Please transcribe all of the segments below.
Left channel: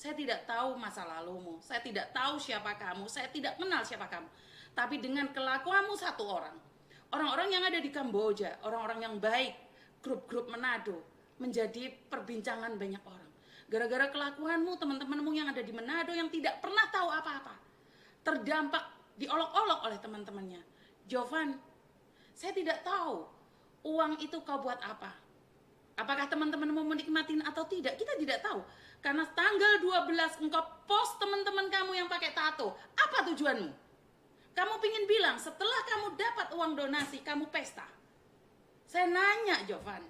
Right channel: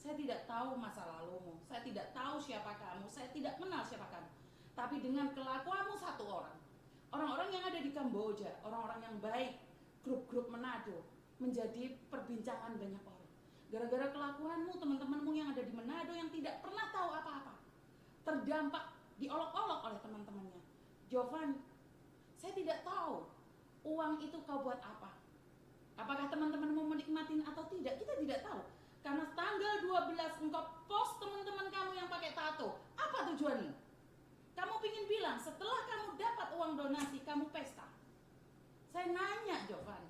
Saya tidak tahu masa lalumu, saya tidak tahu siapa kamu, saya tidak kenal siapa kamu. Tapi dengan kelakuanmu satu orang, orang-orang yang ada di Kamboja, orang-orang yang baik, grup-grup Manado, menjadi perbincangan banyak orang. Gara-gara kelakuanmu, teman-temanmu yang ada di Manado yang tidak pernah tahu apa-apa, terdampak, diolok-olok oleh teman-temannya. Jovan, saya tidak tahu uang itu kau buat apa. Apakah teman-teman mau menikmatin atau tidak, kita tidak tahu. Karena tanggal 12 engkau post teman-teman kamu yang pakai tato. Apa tujuanmu? Kamu pingin bilang setelah kamu dapat uang donasi, kamu pesta. Saya nanya, Jovan.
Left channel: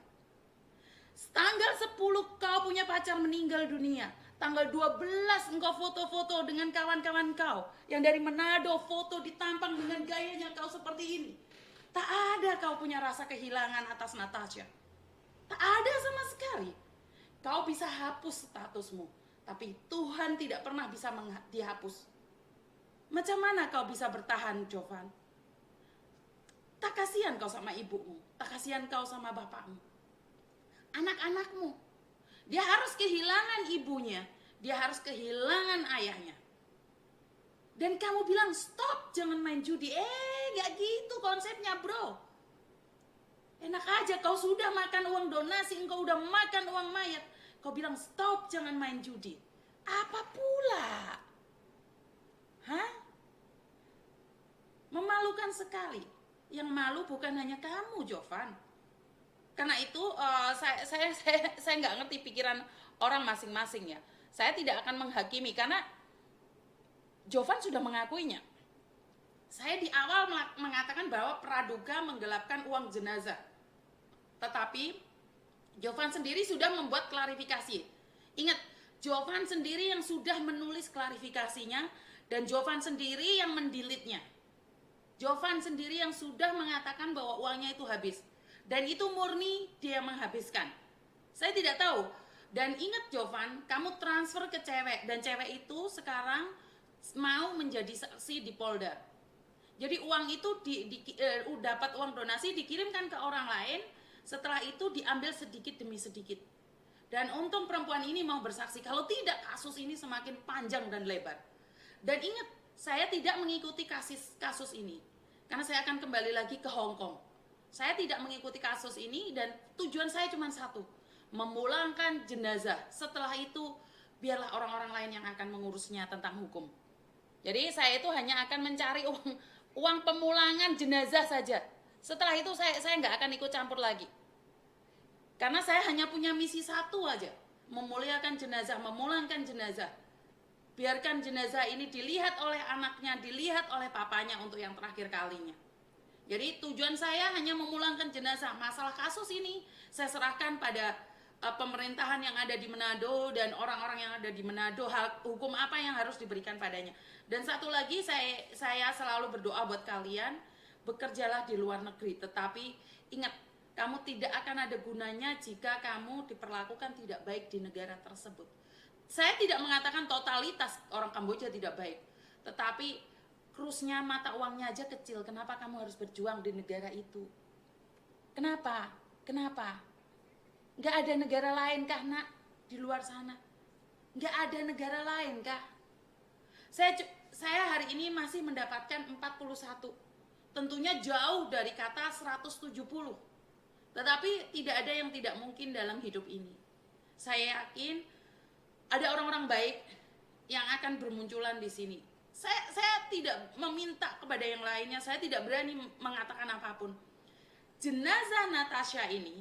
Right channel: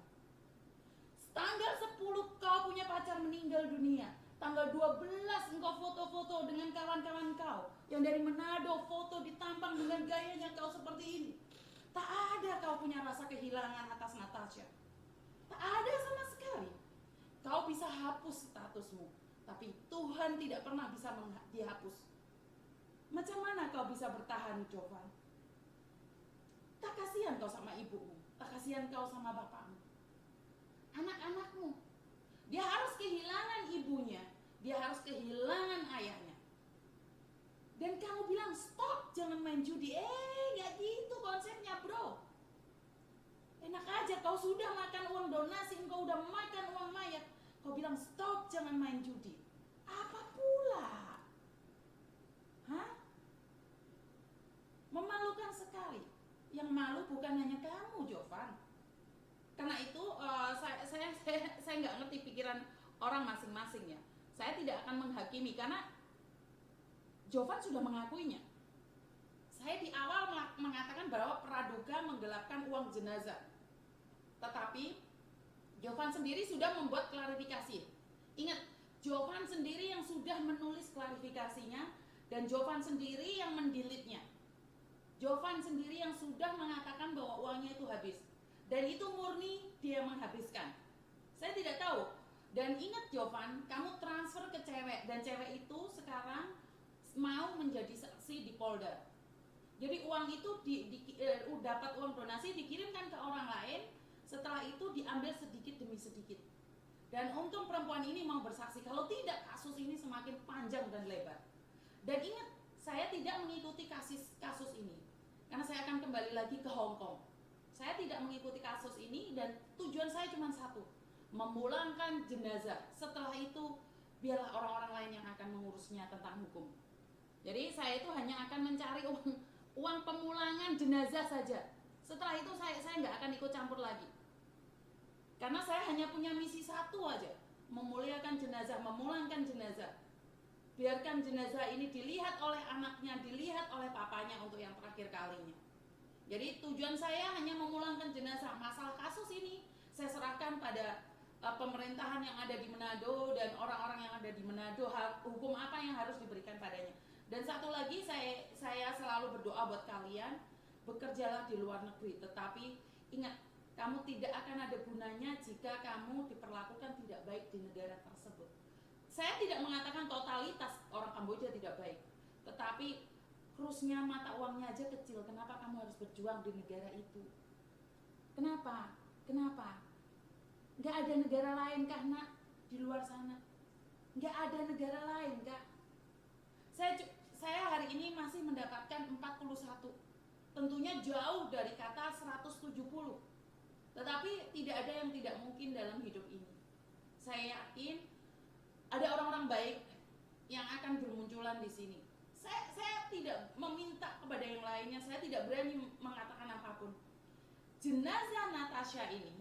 Tanggal 10 kau punya pacar meninggal dunia. Tanggal 12 engkau foto-foto dengan kawan-kawan kau yang dari Manado, foto ditampang dengan gayanya kau seperti ini. Tak ada kau punya rasa kehilangan atas Natasha. Tak ada sama sekali. Kau bisa hapus statusmu, tapi Tuhan tidak pernah bisa dihapus. Macam mana kau bisa bertahan, Jovan? Tak kasihan kau sama ibumu, tak kasihan kau sama bapakmu, anak-anakmu. Dia harus kehilangan ibunya, dia harus kehilangan ayahnya. Dan kamu bilang stop, jangan main judi. Gak gitu konsepnya, bro. Enak aja, kau sudah makan uang donasi, engkau udah makan uang mayat, kau bilang stop, jangan main judi. Apa pula? Hah? Memalukan sekali. Yang malu bukan hanya kamu, Jovan. Karena itu saya nggak ngerti pikiran orang masing-masing ya. Saya tidak akan menghakimi karena Jovan sudah mengakuinya. Saya di awal mengatakan bahwa praduga menggelapkan uang jenazah. Tetapi Jovan sendiri sudah membuat klarifikasi. Ingat, Jovan sendiri yang sudah menulis klarifikasinya dan Jovan sendiri yang mendelete-nya. Jovan sendiri yang sudah mengatakan bahwa uangnya itu habis. Dan itu murni dia menghabiskan. Saya tidak tahu. Dan ingat Jovan, kamu transfer ke cewek dan cewek itu sekarang mau menjadi saksi di Polda. Jadi uang itu dapat uang donasi dikirimkan ke orang lain, setelah itu diambil sedikit demi sedikit. Dan untung perempuan ini mau bersaksi, kalau tidak kasus ini semakin panjang dan lebar. Dan ingat, saya tidak mengikuti kasus ini, karena saya akan kembali lagi ke Hong Kong. Saya tidak mengikuti kasus ini dan tujuan saya cuma satu, memulangkan jenazah. Setelah itu biarlah orang-orang lain yang akan mengurusnya tentang hukum. Jadi saya itu hanya akan mencari uang pemulangan jenazah saja. Setelah itu saya nggak akan ikut campur lagi. Karena saya hanya punya misi satu aja, memuliakan jenazah, memulangkan jenazah. Biarkan jenazah ini dilihat oleh anaknya, dilihat oleh papanya untuk yang terakhir kalinya. Jadi tujuan saya hanya memulangkan jenazah. Masalah kasus ini saya serahkan pada pemerintahan yang ada di Manado dan orang-orang yang ada di Manado, hukum apa yang harus diberikan padanya. Dan satu lagi, saya selalu berdoa buat kalian, bekerjalah di luar negeri, tetapi ingat, kamu tidak akan ada gunanya jika kamu diperlakukan tidak baik di negara tersebut. Saya tidak mengatakan totalitas orang Kamboja tidak baik, tetapi krusnya mata uangnya aja kecil. Kenapa kamu harus berjuang di negara itu? Kenapa? Nggak ada negara lain kah, nak, di luar sana? Nggak ada negara lain kah? Saya hari ini masih mendapatkan 41. Tentunya jauh dari kata 170. Tetapi tidak ada yang tidak mungkin dalam hidup ini. Saya yakin ada orang-orang baik yang akan bermunculan di sini. Saya tidak meminta kepada yang lainnya, saya tidak berani mengatakan apapun. Jenazah Natasha ini,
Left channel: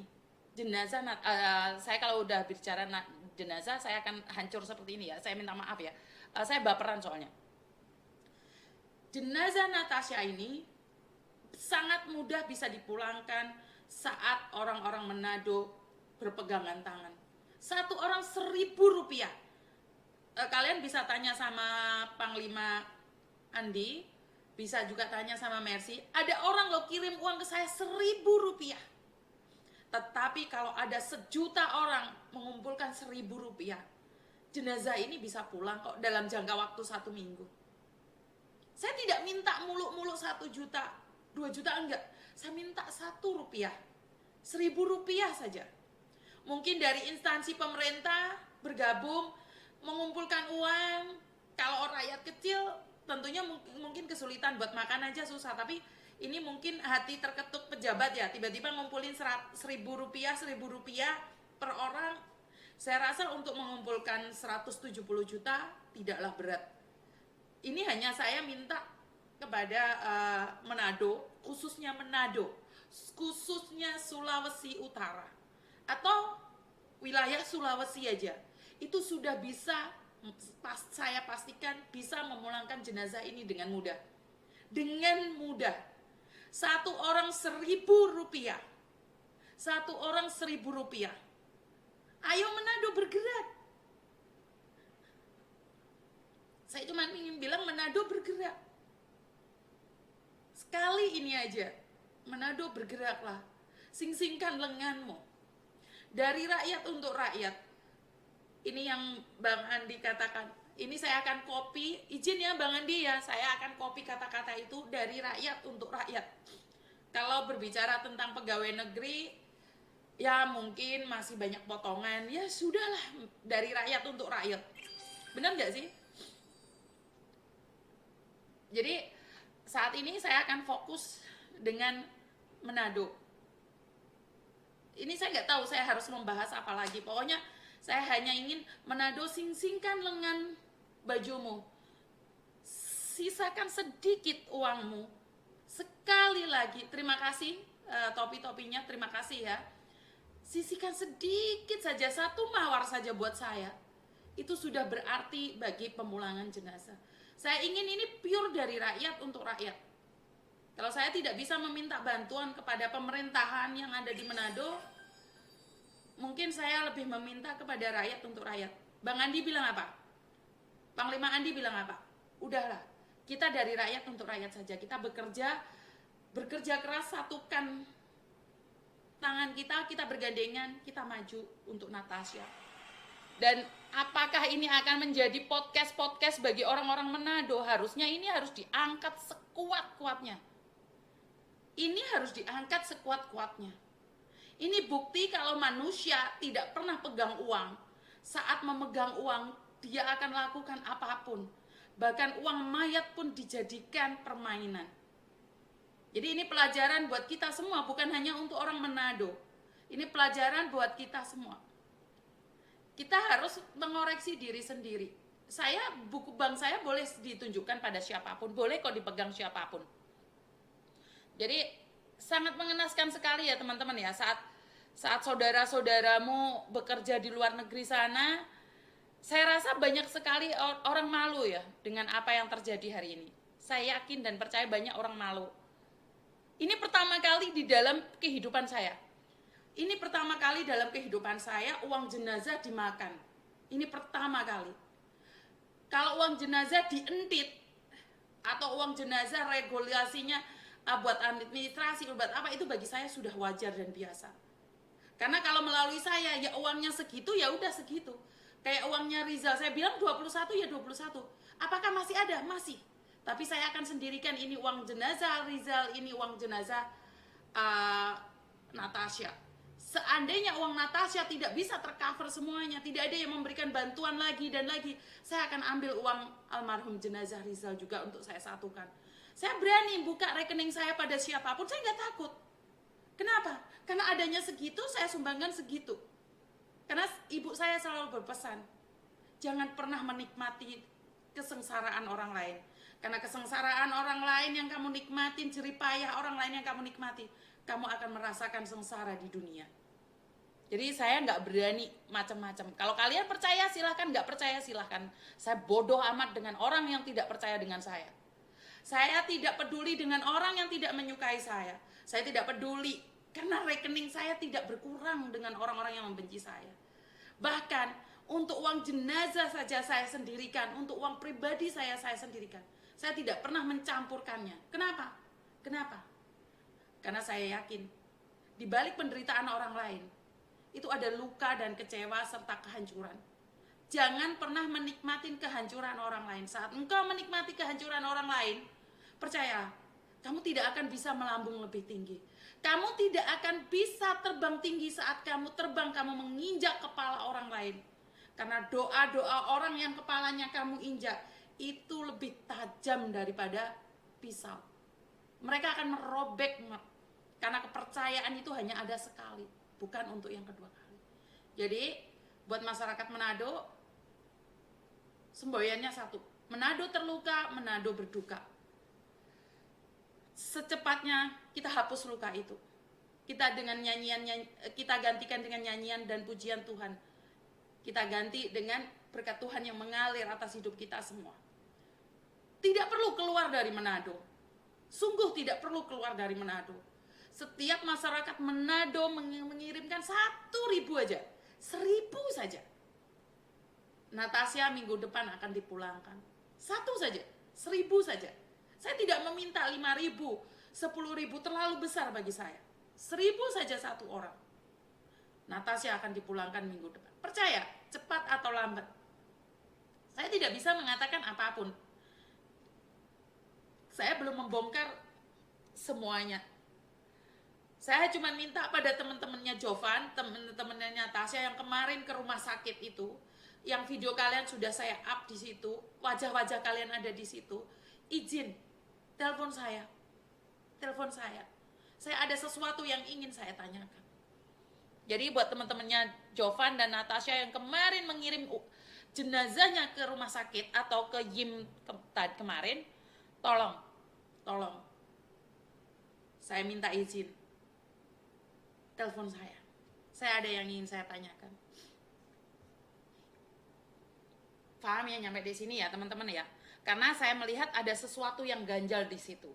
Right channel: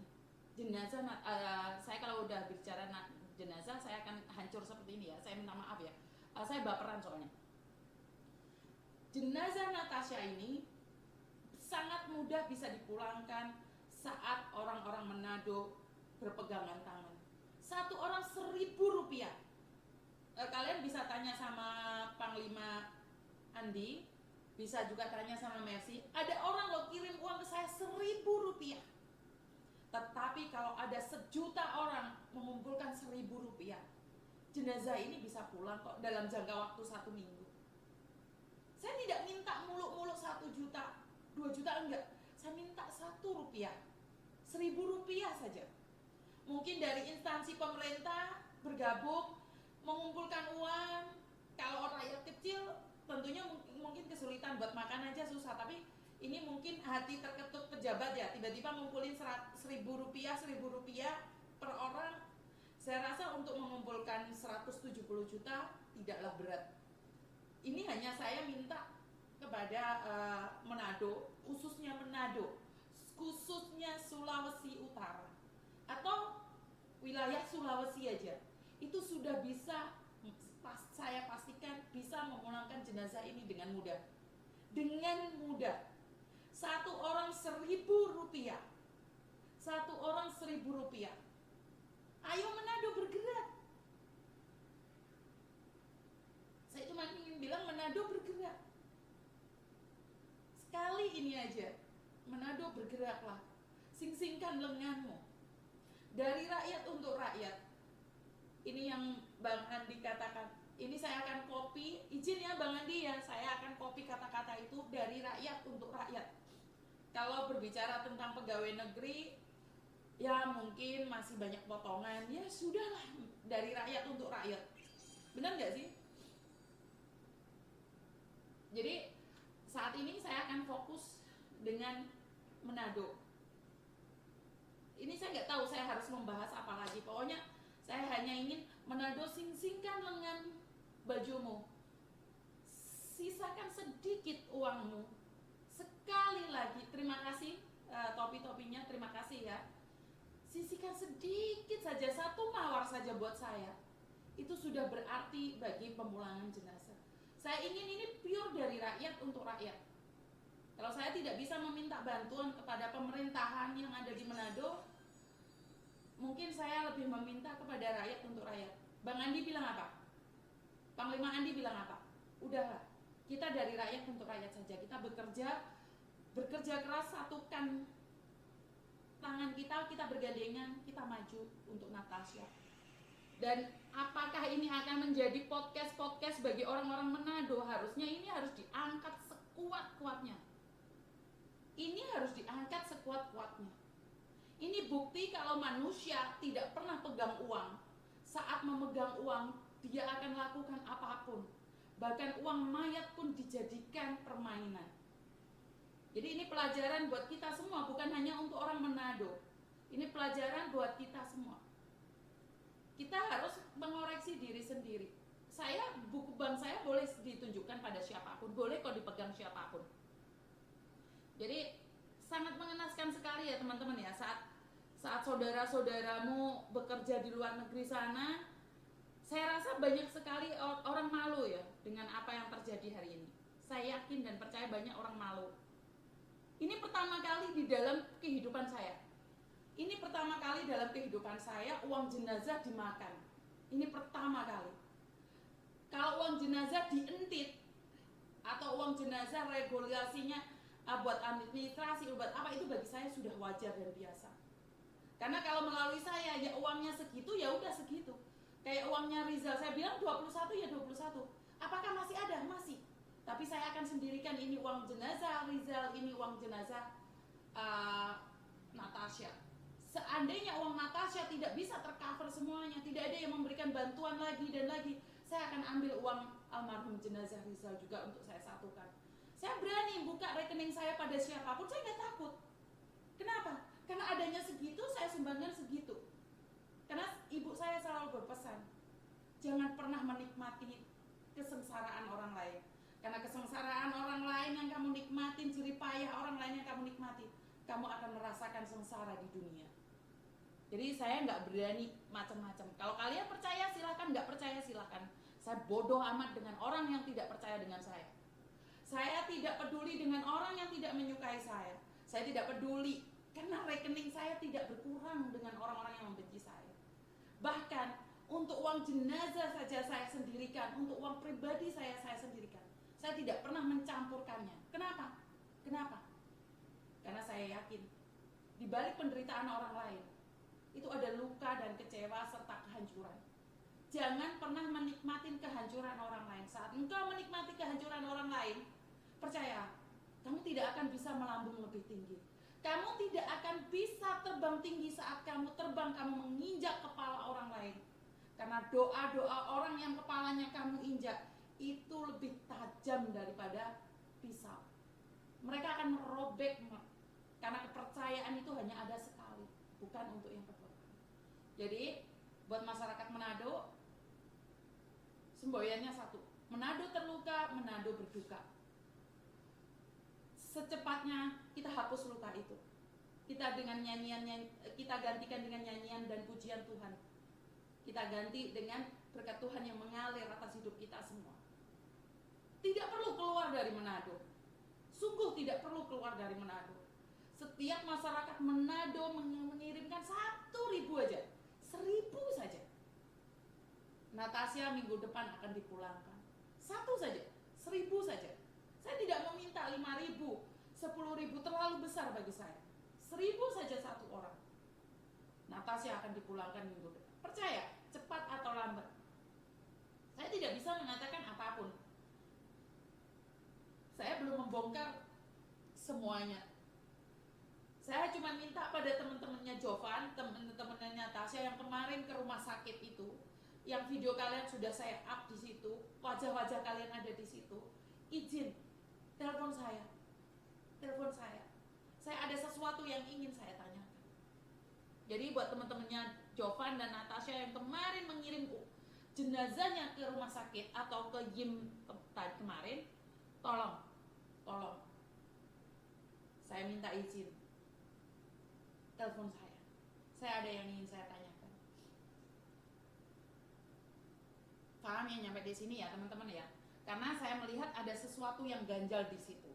saya kalau udah bicara jenazah, saya akan hancur seperti ini ya. Saya minta maaf ya. Saya baperan soalnya. Jenazah Natasha ini sangat mudah bisa dipulangkan saat orang-orang Manado berpegangan tangan. Satu orang Rp1.000. Kalian bisa tanya sama Panglima Andi, bisa juga tanya sama Mercy. Ada orang lo kirim uang ke saya Rp1.000. Tetapi kalau ada 1.000.000 orang mengumpulkan Rp1.000, jenazah ini bisa pulang kok dalam jangka waktu 1 minggu. Saya tidak minta muluk-muluk 1 juta, 2 juta, enggak. Saya minta Rp1, Rp1.000 saja. Mungkin dari instansi pemerintah bergabung mengumpulkan uang. Kalau rakyat kecil tentunya mungkin kesulitan buat makan aja susah, tapi ini mungkin hati terketuk pejabat ya, tiba-tiba ngumpulin 1.000 rupiah per orang. Saya rasa untuk mengumpulkan 170 juta tidaklah berat. Ini hanya saya minta kepada Manado, khususnya Sulawesi Utara atau wilayah Sulawesi aja, itu sudah bisa, saya pastikan bisa memulangkan jenazah ini dengan mudah. Satu orang 1.000 rupiah. Ayo Manado bergerak. Saya cuma ingin bilang Manado bergerak. Sekali ini aja, Manado bergeraklah. Sing-singkan lenganmu. Dari rakyat untuk rakyat. Ini yang Bang Andi katakan. Ini saya akan copy, izin ya Bang Andi ya, saya akan copy kata-kata itu dari rakyat untuk rakyat. Kalau berbicara tentang pegawai negeri, ya mungkin masih banyak potongan. Ya sudahlah, dari rakyat untuk rakyat. Benar nggak sih? Jadi saat ini saya akan fokus dengan Manado. Ini saya nggak tahu saya harus membahas apa lagi. Pokoknya saya hanya ingin Manado, sing-singkan lengan bajumu. Sisakan sedikit uangmu. Sekali lagi, terima kasih topi-topinya, terima kasih ya. Sisihkan sedikit saja, 1 mawar saja buat saya. Itu sudah berarti bagi pemulangan jenazah. Saya ingin ini pure dari rakyat untuk rakyat. Kalau saya tidak bisa meminta bantuan kepada pemerintahan yang ada di Manado, mungkin saya lebih meminta kepada rakyat untuk rakyat. Bang Andi bilang apa? Panglima Andi bilang apa? Udahlah, kita dari rakyat untuk rakyat saja. Kita bekerja keras, satukan tangan kita bergandengan, kita maju untuk Natasha. Dan apakah ini akan menjadi podcast bagi orang-orang Manado? Harusnya ini harus diangkat sekuat-kuatnya. Ini harus diangkat sekuat-kuatnya. Ini bukti kalau manusia tidak pernah pegang uang. Saat memegang uang, dia akan lakukan apapun. Bahkan uang mayat pun dijadikan permainan. Jadi ini pelajaran buat kita semua, bukan hanya untuk orang Manado. Ini pelajaran buat kita semua. Kita harus mengoreksi diri sendiri. Buku bank saya boleh ditunjukkan pada siapapun, boleh kok dipegang siapapun. Jadi sangat mengenaskan sekali ya teman-teman ya, saat saudara-saudaramu bekerja di luar negeri sana, saya rasa banyak sekali orang malu ya dengan apa yang terjadi hari ini. Saya yakin dan percaya banyak orang malu. Ini pertama kali di dalam kehidupan saya. Ini pertama kali dalam kehidupan saya uang jenazah dimakan. Ini pertama kali. Kalau uang jenazah dientit atau uang jenazah regulasinya buat administrasi, buat apa, itu bagi saya sudah wajar dan biasa. Karena kalau melalui saya ya uangnya segitu, ya udah segitu. Kayak uangnya Rizal, saya bilang 21 ya 21. Apakah masih ada? Masih. Tapi saya akan sendirikan ini uang jenazah Rizal, ini uang jenazah Natasha. Seandainya uang Natasha tidak bisa tercover semuanya, tidak ada yang memberikan bantuan lagi dan lagi, saya akan ambil uang almarhum jenazah Rizal juga untuk saya satukan. Saya berani buka rekening saya pada siapapun, saya nggak takut. Kenapa? Karena adanya segitu, saya sumbangkan segitu. Karena ibu saya selalu berpesan, jangan pernah menikmati kesengsaraan orang lain. Karena kesengsaraan orang lain yang kamu nikmatin, jeripayah orang lain yang kamu nikmati, kamu akan merasakan sengsara di dunia. Jadi saya nggak berani macam-macam. Kalau kalian percaya silahkan, nggak percaya silahkan. Saya bodoh amat dengan orang yang tidak percaya dengan saya. Saya tidak peduli dengan orang yang tidak menyukai saya. Saya tidak peduli karena rekening saya tidak berkurang dengan orang-orang yang membenci saya. Bahkan untuk uang jenazah saja saya sendirikan, untuk uang pribadi saya sendirikan. Saya tidak pernah mencampurkannya. Kenapa? Karena saya yakin di balik penderitaan orang lain itu ada luka dan kecewa serta kehancuran. Jangan pernah menikmati kehancuran orang lain. Saat engkau menikmati kehancuran orang lain, percayalah, kamu tidak akan bisa melambung lebih tinggi. Kamu tidak akan bisa terbang tinggi saat kamu terbang, kamu menginjak kepala orang lain. Karena doa-doa orang yang kepalanya kamu injak itu lebih tajam daripada pisau. Mereka akan merobek, karena kepercayaan itu hanya ada sekali, bukan untuk yang kedua kali. Jadi buat masyarakat Manado, semboyannya satu: Manado terluka, Manado berduka. Secepatnya kita hapus luka itu. Kita dengan nyanyian, kita gantikan dengan nyanyian dan pujian Tuhan. Kita ganti dengan berkat Tuhan yang mengalir atas hidup kita semua. Tidak perlu keluar dari Manado. Sungguh tidak perlu keluar dari Manado. Setiap masyarakat Manado mengirimkan 1.000 aja, 1.000 saja. Natasha minggu depan akan dipulangkan. 1 saja, 1.000 saja. Saya tidak meminta 5.000, 10.000 terlalu besar bagi saya. 1.000 saja satu orang. Natasha akan dipulangkan minggu depan. Percaya, cepat atau lambat. Saya tidak bisa mengatakan apapun. Saya belum membongkar semuanya. Saya cuma minta pada teman-temannya Jovan, teman-temannya Natasha yang kemarin ke rumah sakit itu, yang video kalian sudah saya up di situ, wajah-wajah kalian ada di situ, izin telepon saya. Telepon saya. Saya ada sesuatu yang ingin saya tanyakan. Jadi buat teman-temannya Jovan dan Natasha yang kemarin mengirim jenazahnya ke rumah sakit atau ke Yim kemarin, tolong saya minta izin, telepon saya. Saya ada yang ingin saya tanyakan. Paham ya nyampe di sini ya teman-teman ya? Karena saya melihat ada sesuatu yang ganjal di situ.